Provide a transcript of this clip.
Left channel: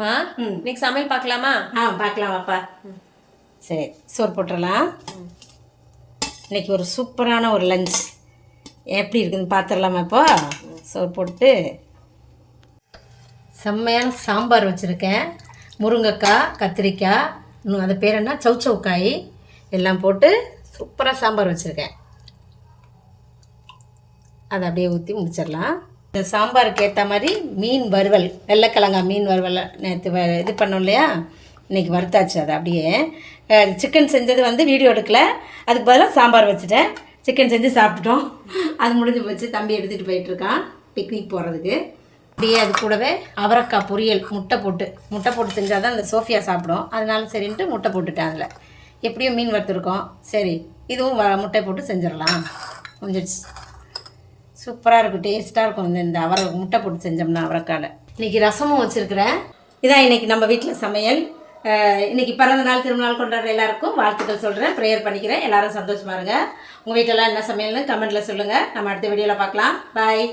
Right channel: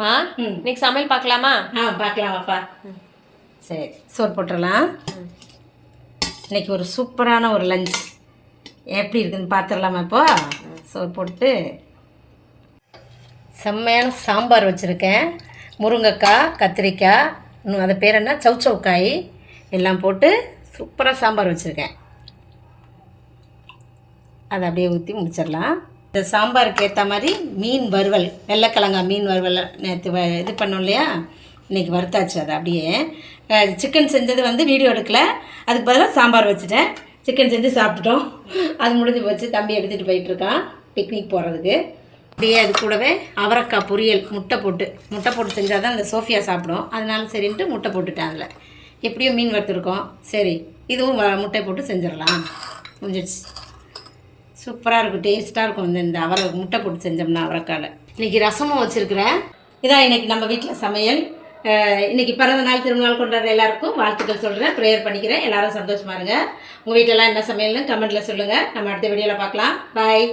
மா இன்னைக்கு சமையல் பார்க்கலாமா? பார்க்கலாமாப்பா. சரி, சோறு போட்டுடலாம். இன்னைக்கு ஒரு சூப்பரான ஒரு லஞ்ச் எப்படி இருக்குதுன்னு பார்த்துடலாமா? இப்போ சோறு போட்டு செம்மையான சாம்பார் வச்சுருக்கேன். முருங்கைக்காய், கத்திரிக்காய், இன்னும் அது பேர் என்ன, சவுச்சவுக்காய் எல்லாம் போட்டு சூப்பராக சாம்பார் வச்சுருக்கேன். அதை அப்படியே ஊற்றி முடிச்சிடலாம். இந்த சாம்பாருக்கு ஏற்ற மாதிரி மீன் வறுவல், வெள்ளைக்கிழங்கா மீன் வறுவல் நேற்று இது பண்ணோம் இல்லையா, இன்றைக்கி வறுத்தாச்சு. அதை அப்படியே சிக்கன் செஞ்சது வீடியோ எடுக்கலை, அதுக்கு பதிலாக சாம்பார் வச்சுட்டேன். சிக்கன் செஞ்சு சாப்பிட்டுட்டோம், அது முடிஞ்சு போச்சு. தம்பி எடுத்துகிட்டு போயிட்டுருக்கான் பிக்னிக் போகிறதுக்கு. அப்படியே அது கூடவே அவரைக்காய் பொரியல், முட்டை போட்டு செஞ்சால் தான் இந்த சோஃபியா சாப்பிடும். அதனால சரின்ட்டு முட்டை போட்டுட்டேன். அதில் எப்படியும் மீன் வறுத்துருக்கோம், சரி இதுவும் முட்டை போட்டு செஞ்சிடலாம். முடிஞ்சிடுச்சு. சூப்பராக இருக்கும், டேஸ்ட்டாக இருக்கும். இந்த அவரை முட்டை போட்டு செஞ்சோம்னா அவரைக்காயில். இன்றைக்கி ரசமும் வச்சுருக்கிறேன். இதான் இன்றைக்கி நம்ம வீட்டில் சமையல். இன்றைக்கி பிறந்த நாள், திருநாள் கொண்டாடுற எல்லாருக்கும் வாழ்த்துக்கள் சொல்கிறேன், ப்ரேயர் பண்ணிக்கிறேன். எல்லோரும் சந்தோஷமாக இருங்க. உங்கள் வீட்டெல்லாம் என்ன சமையல்னு கமெண்ட்டில் சொல்லுங்கள். நம்ம அடுத்த வீடியோவில் பார்க்கலாம். பாய்.